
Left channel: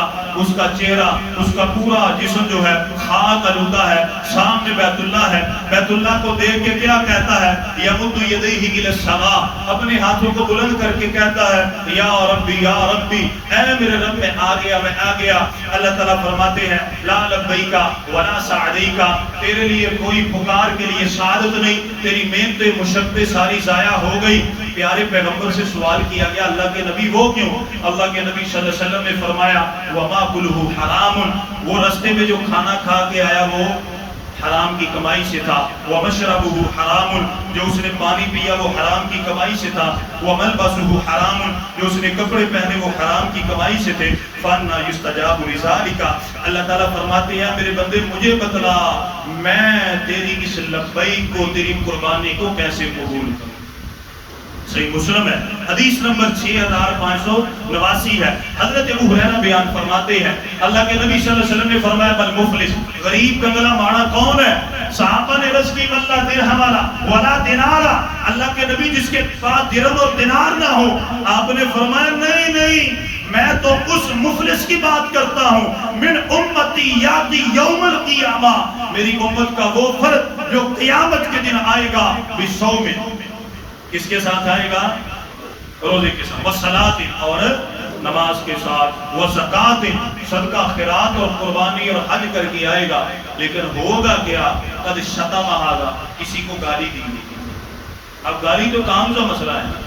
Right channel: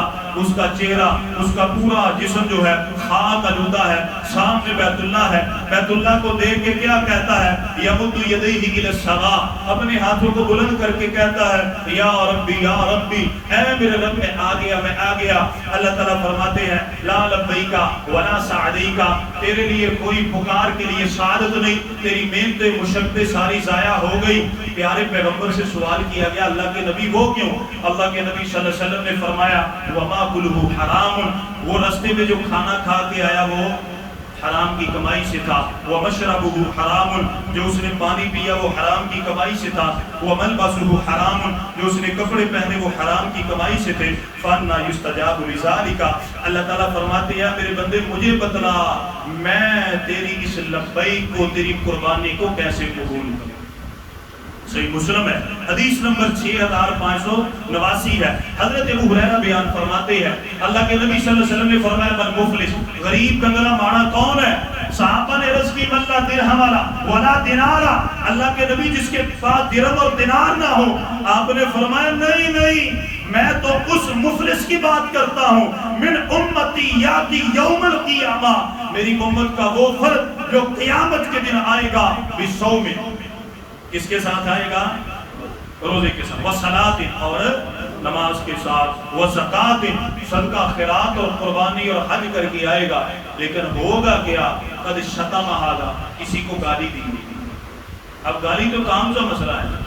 اس کا چہرہ، اس کا پورا جسم جو ہے خاک آلودہ ہے. سامنے بیت اللہ ہے، بیت اللہ کو دیکھ کے کیا کہتا ہے؟ یمد یدیہ الی السماء، اپنے ہاتھوں کو بلند کر کے کہتا ہے یا ربی یا ربی، اے میرے رب میں آ گیا میں آ گیا. اللہ تعالیٰ فرماتے ہیں لا لبیک ولا سعدیک، تیرے لیے کوئی پکار کے لیے سعادت نہیں، تیری محنتیں مشقتیں ساری ضائع ہو گئی. پیارے پیغمبر سے سوال کیا گیا اللہ کے نبی وہ کیوں؟ اللہ کے نبی صلی اللہ علیہ وسلم نے فرمایا وما کلہ حرام، وہ رستے میں جو کھانا کھا کے آیا وہ حرام کی کمائی سے تھا. ومشربہ حرام، جو اس نے پانی پیا وہ حرام کی کمائی سے تھا. وملبسہ حرام، جو اس نے کپڑے پہنے وہ حرام کی کمائی سے تھے. فانا یستجاب لذالک، اللہ تعالیٰ فرماتے ہیں میرے بندے مجھے بتلا میں تیری اس لبیک کو، تیری قربانی کو کیسے قبول کروں. صحیح مسلم ہے، حدیث نمبر 6589 ہے. حضرت ابو ہریرہ بیان فرماتے ہیں اللہ کے نبی صلی اللہ علیہ وسلم نے فرمایا بل مفلس، غریب کنگلا مانا کون ہے؟ صحابہ نے عرض کی ملا درہم والا ولا دینارا، اللہ کے نبی جس کے پاس درہم اور دینار نہ ہو، آپ نے فرمایا نہیں نہیں، میں تو اس مفلس کی بات کرتا ہوں، من امتی یاتی یوم القیامہ، میری امت کا وہ فرد جو قیامت کے دن آئے گا بصوم، کس کے ساتھ آئے گا؟ روزے کے ساتھ، وصلاۃ، اور نماز کے ساتھ، وزکات، صدقہ خیرات اور قربانی اور حج کر کے آئے گا، لیکن ہوگا کیا؟ قد شتم ھذا، کسی کو گالی دی گئی۔ اب گالی تو کام کا مسئلہ ہے،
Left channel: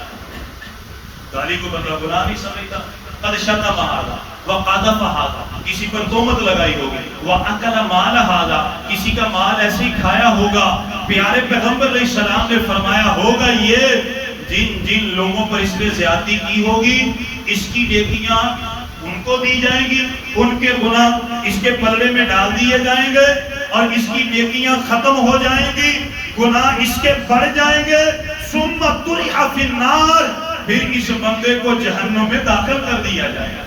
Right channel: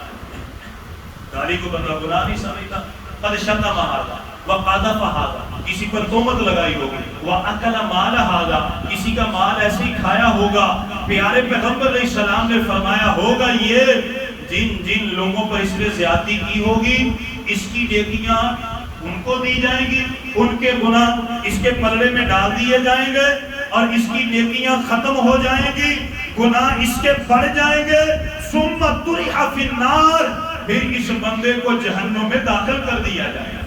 گالی کو بندہ گناہ نہیں سمجھتا۔ قد شتم ھذا وقذف ھذا، کسی پر تہمت لگائی ہوگی، واکل مال ھذا، کسی کا مال ایسے ہی کھایا ہوگا۔ پیارے پیغمبر علیہ السلام نے فرمایا ہوگا یہ جن جن لوگوں پر اس نے زیادتی کی ہوگی، اس کی نیکیاں ان کو دی جائیں گی، ان کے گناہ اس کے پلڑے میں ڈال دیے جائیں گے، اور اس کی نیکیاں ختم ہو جائیں گی، گناہ اس کے بڑھ جائیں گے۔ ثم طرح فی النار، پھر اس بندے کو جہنم میں داخل کر دیا جائے گا۔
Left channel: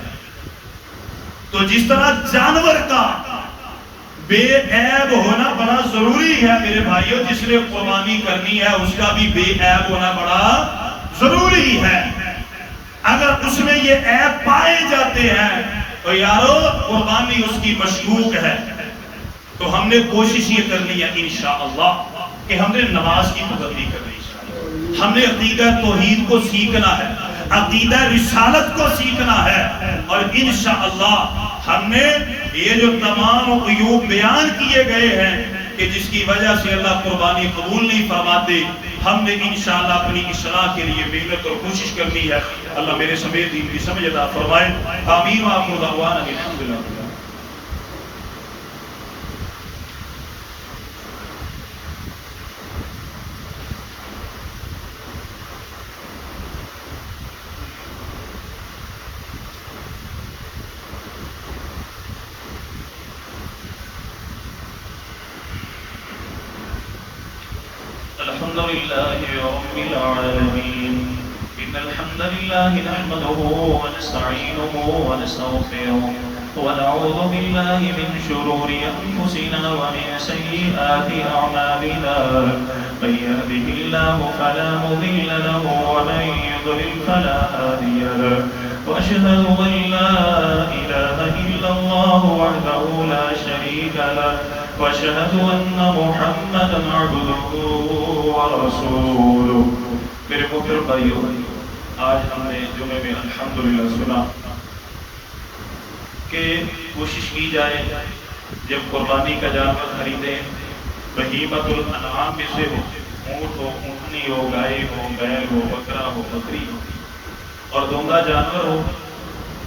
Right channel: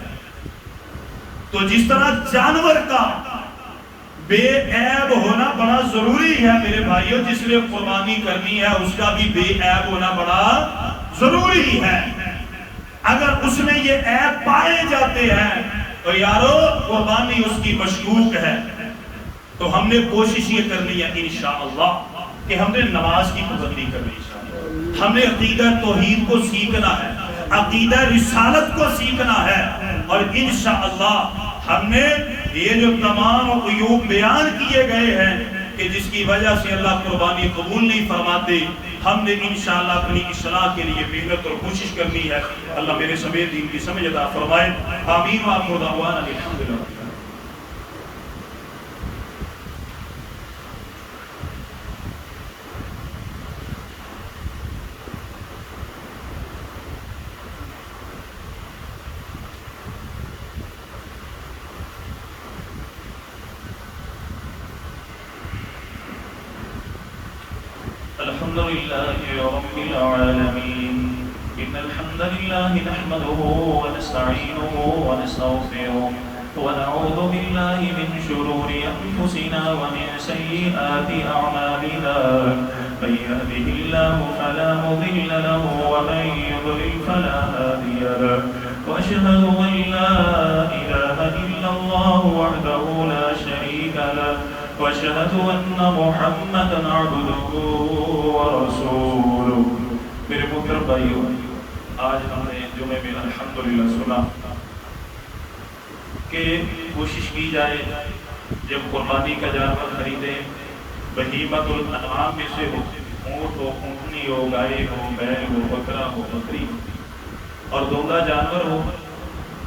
تو جس طرح جانور کا بے عیب ہونا بڑا ضروری ہے میرے بھائیوں، جس نے قربانی کرنی ہے اس کا بھی بے عیب ہونا بڑا ضروری ہے۔ اگر اس میں یہ عیب پائے جاتے ہیں تو یارو قربانی اس کی مشکوک ہے۔ تو ہم نے کوشش یہ کرنی ہے انشاءاللہ کہ ہم نے نماز کی پابندی کرنی ہے، ہم نے عقیدہ توحید کو سیکھنا ہے، عقیدہ رسالت کو سیکھنا ہے، اور انشاءاللہ ہم نے یہ جو تمام عیوب بیان کیے گئے ہیں کہ جس کی وجہ سے اللہ قربانی قبول نہیں فرماتے، ہم نے انشاءاللہ اپنی اصلاح کے لیے محنت اور کوشش کرنی ہے۔ اللہ میرے سمیت دین کی سمجھ عطا فرمائے۔ آمین وآخر دعوانا الحمدللہ۔ الحمد لله رب العالمين، إن الحمد لله نحمده ونستعينه ونستغفره ونعوذ بالله من شرور أنفسنا ومن سيئات أعمالنا، من يهده الله فلا مضل له ومن يضلل فلا هادي له، وأشهد أن لا إله إلا الله وحده لا شريك له، وأشهد أن محمدًا عبده ورسوله۔ میرے محترم بھائیو، آج ہم نے جمعے میں الحمدللہ سنا کہ کوشش کی جائے جب قربانی کا جانور خریدیں، بہیمۃ الانعام میں سے ہو، اونٹ ہو، اونٹنی ہو، گائے ہو، بیل ہو، بکرا ہو، بکری اور دوندہ جانور ہو،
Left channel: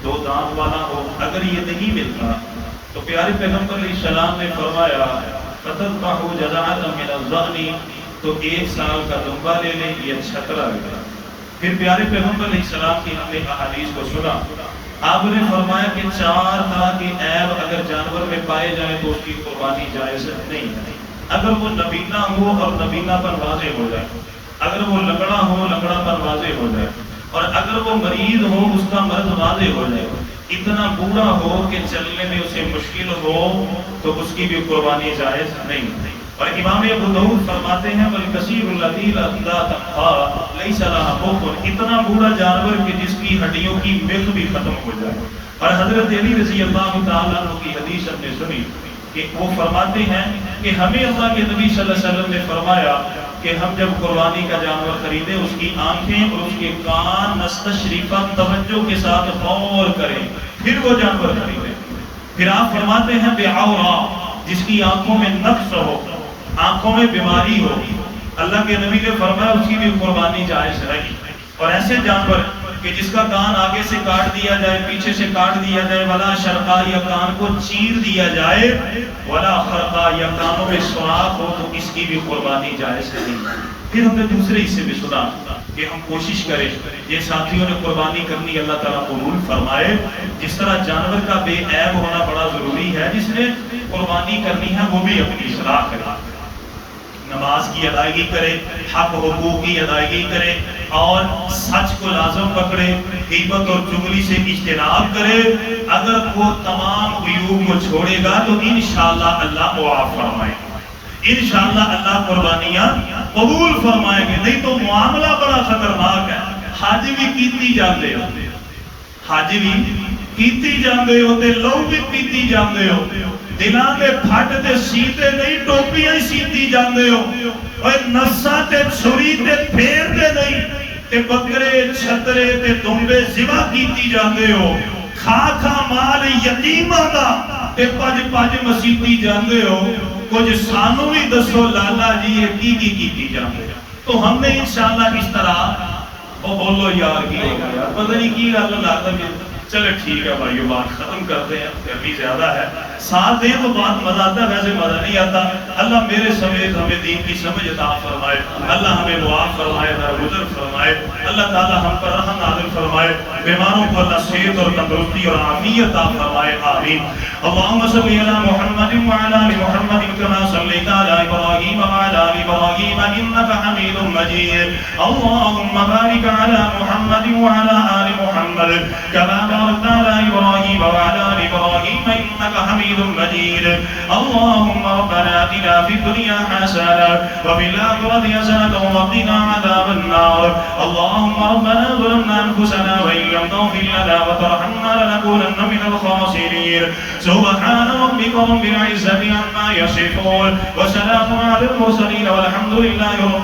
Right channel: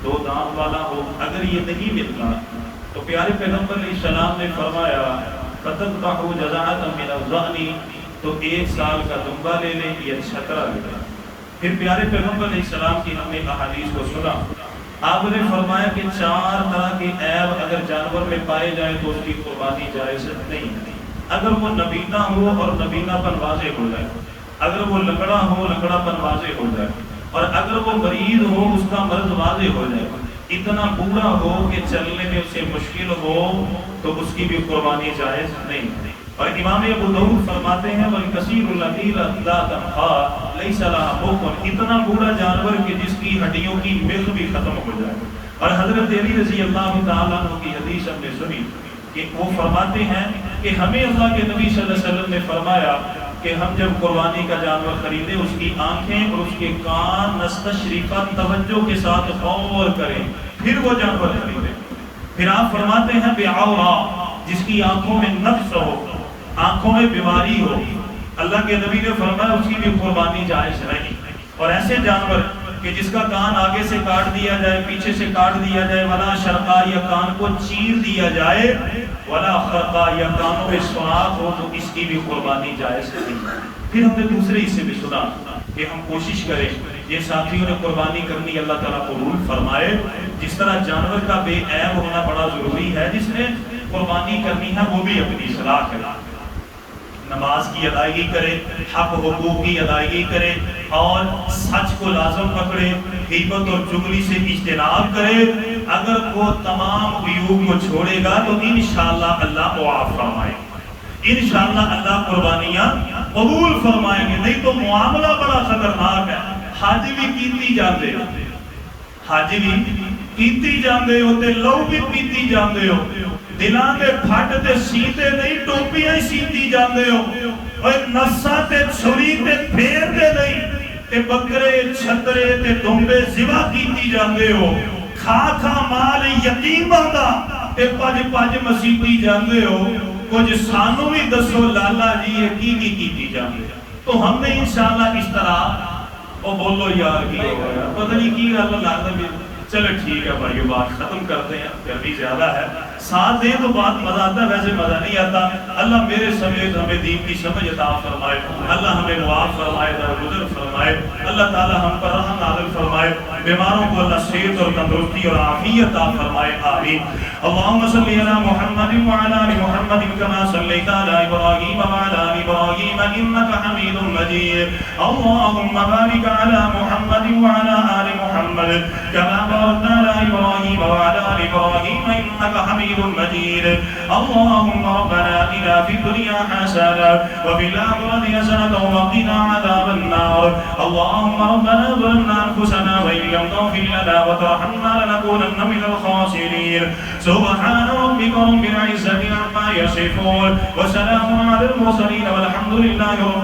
دو دانت والا ہو، اگر یہ نہیں ملتا تو پیارے پیغمبر علیہ السلام نے فرمایا فَتَذْبَحُ جَزَعَةً مِنَ الظَّأْنِ، تو 1 سال کا دمبا لے لیں، یہ چھترا لے لیں۔ پھر پیارے پیغمبر علیہ السلام کی ہم نے احادیث کو سنا، آپ نے فرمایا کہ 4 طرح کے عیب اگر جانور میں پائے جائیں تو اس کی قربانی جائز نہیں۔ اگر وہ نبینا ہو اور نبینا پر واضح ہو جائے، اگر وہ لنگڑا ہو، لنگڑا پر واضح ہو جائے، اور اگر وہ مریض ہو، اس کا مرض واضح ہو جائے، اتنا بوڑھا ہو کہ چلنے میں اسے مشکل ہو، تو اس کی بھی قربانی جائز نہیں۔ اور امام ابو داؤد فرماتے ہیں وَالْكَثِيرُ الَّذِي لَا تَنْخَى لَيْسَ لَهَا بُطُنٌ، اتنا بوڑھا جانور کہ جس کی ہڈیوں کی مخ بھی ختم ہو جائے۔ اور حضرت علی رضی اللہ تعالیٰ عنہ کی حدیث ہم نے سنی کہ وہ فرماتے ہیں کہ ہمیں اللہ کے نبی صلی اللہ علیہ وسلم نے فرمایا کہ ہم جب قربانی کا جانور خریدیں، اس کی آنکھیں اور اس کے کان نستشریفا توجہ کے ساتھ غور کریں، پھر وہ جانور خریدیں۔ پھر آپ فرماتے ہیں بعورا، جس کی آنکھوں میں نقص ہو، آنکھوں میں بیماری ہو، اللہ کے نبی نے فرمایا اس کی بھی قربانی جائز نہیں۔ اور ایسے جانور کہ جس کا کان آگے سے کاٹ دیا جائے، پیچھے سے کاٹ دیا جائے، ولا شرقا، یا کان کو چیر دیا جائے، ولا خرقا، یا کانوں میں سوراخ ہو، تو اس کی بھی قربانی جائز نہیں۔ پھر ہم نے دوسرے حصے بھی سنا کہ ہم کوشش کریں، یہ ساتھیوں نے قربانی کرنی اللہ تعالیٰ قبول فرمائے۔ جس طرح جانور کا بے عیب ہونا بڑا ضروری ہے، جس نے قربانی کرنی ہے وہ بھی اپنی اصلاح کرے، نماز کی ادائیگی کرے، حق حقوق کی ادائیگی کرے، اور سچ کو لازم پکڑے، غیبت اور چغلی سے اجتناب کرے۔ اگر وہ تمام عیوب کو چھوڑے گا تو انشاءاللہ اللہ معاف فرمائے۔ انشاءاللہ اللہ قربانیاں قبول فرمائیں گے. نہیں تو معاملہ بڑا خطرناک ہے. حج بھی کیتی جاندے ہو, حج بھی کیتی جاندے ہو تے لو بھی پیتی جاندے ہو, دلاں دے پھٹ تے سیتے نہیں ٹوپیاں ہی سیتی جاندے ہو, اور نفساں تے چھری تے پھیر دے نہیں تے بکرے چھترے تے دمبے ذبح کیتی جاندے ہو, کھا کھا مال یتیماں دا تے پج پج مسیتی جاندے ہو. کچھ سانو بھی دسو لالا جی یہ کی کیتی جاندے. تو ہم نے انشاءاللہ اس طرح وہ بولو یار کی ہوگا یار پتہ نہیں کی اللہ لازم. چلے ٹھیک ہے بھائی بات ختم کرتے ہیں, گرمی زیادہ ہے, ساتھ دیں تو بات مزہ آتا ہے, ویسے مزہ نہیں آتا. اللہ میرے سمیت ہمیں دین کی سمجھ عطا فرمائے, اللہ ہمیں معاف فرمائے, درگزر فرمائے, اللہ تعالی ہم پر رحم نازل فرمائے, بیماروں کو اللہ صحت اور تندرستی اور عافیت عطا فرمائے, آمین. اللهم صل على محمد وعلى ال محمد كما صليت على ابراهيم وعلى ال ابراهيم انك حميد مجيد. اللهم بارك على محمد وعلى ال محمد كما باركت على ابراهيم وعلى ال ابراهيم انك حميد مجيد. اللهم ربنا آتنا في الدنيا حسنة وفي الآخرة حسنة وقنا عذاب النار. اللهم ربنا ظلمنا أنفسنا وإن لم تغفر لنا وترحمنا لنكونن من الخاسرين. سبحان ربك رب العزة عما يصفون وسلام على المرسلين والحمد لله رب